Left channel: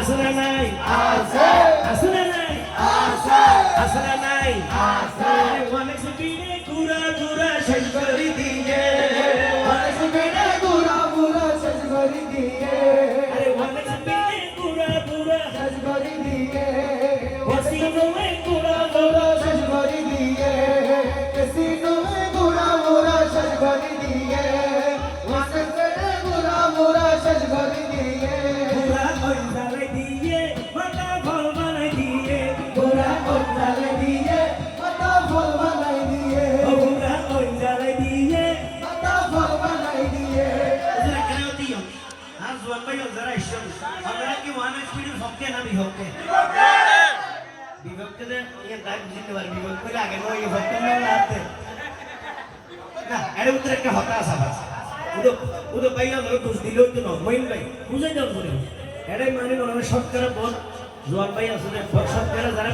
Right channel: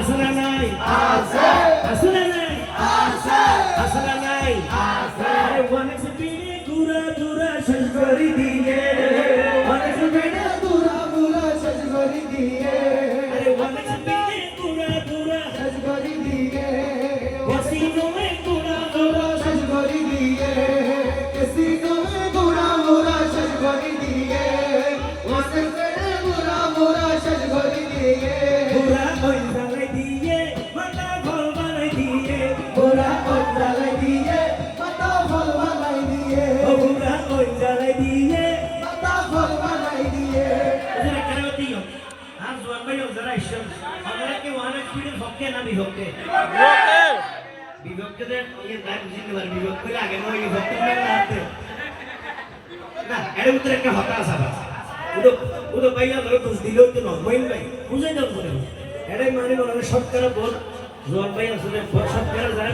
আসলে নাই আছে আসলে নাই আছে আসলে নাই আছে মানুষ বিনে ঘুরা ঘুরা শেষ করে দিয়ে মানুষ বিনা গুরা গুরা শেষ করে দিয়ে আরে মানুষ বিনে ঘুরা ঘুরা শেষ করে দিয়ে হসিনো মে ঘুরা ঘুরা শেষ করে দিয়ে কাসিনো মে গুরা গুরা শেষ করে দিয়ে মানুষ বিনা গুরা গুরা শেষ করে দিয়ে ঘুরা কইতালে দিয়ে মাথা ভল বানাই দিয়ে গুরা কোটালে দিয়ে মাথা ফল বানাই দিয়ে ও ঘুরা কইতালে দিয়ে মাথা ফল বানাই দিয়ে আসলে কেন দিও আর জোয়ান ভাই যারা এসে আপনারা কি ওয়ান স্পিডের পক্ষে না বিপক্ষে বিভক্ত দেন এই দাগ দিতে পারবে বিভক্ত করে আগে নয় বিভক্ত না লাগতে না এর ভিতরে একটা হতাশ আছে উদো ভাইয়া ধরে দোষ দিলেও তো নয় মইন ভাই বুঝাই দাও করে এটাই মানে মনে সরকার বল জোয়ান ভাই আসলে সরকার যারা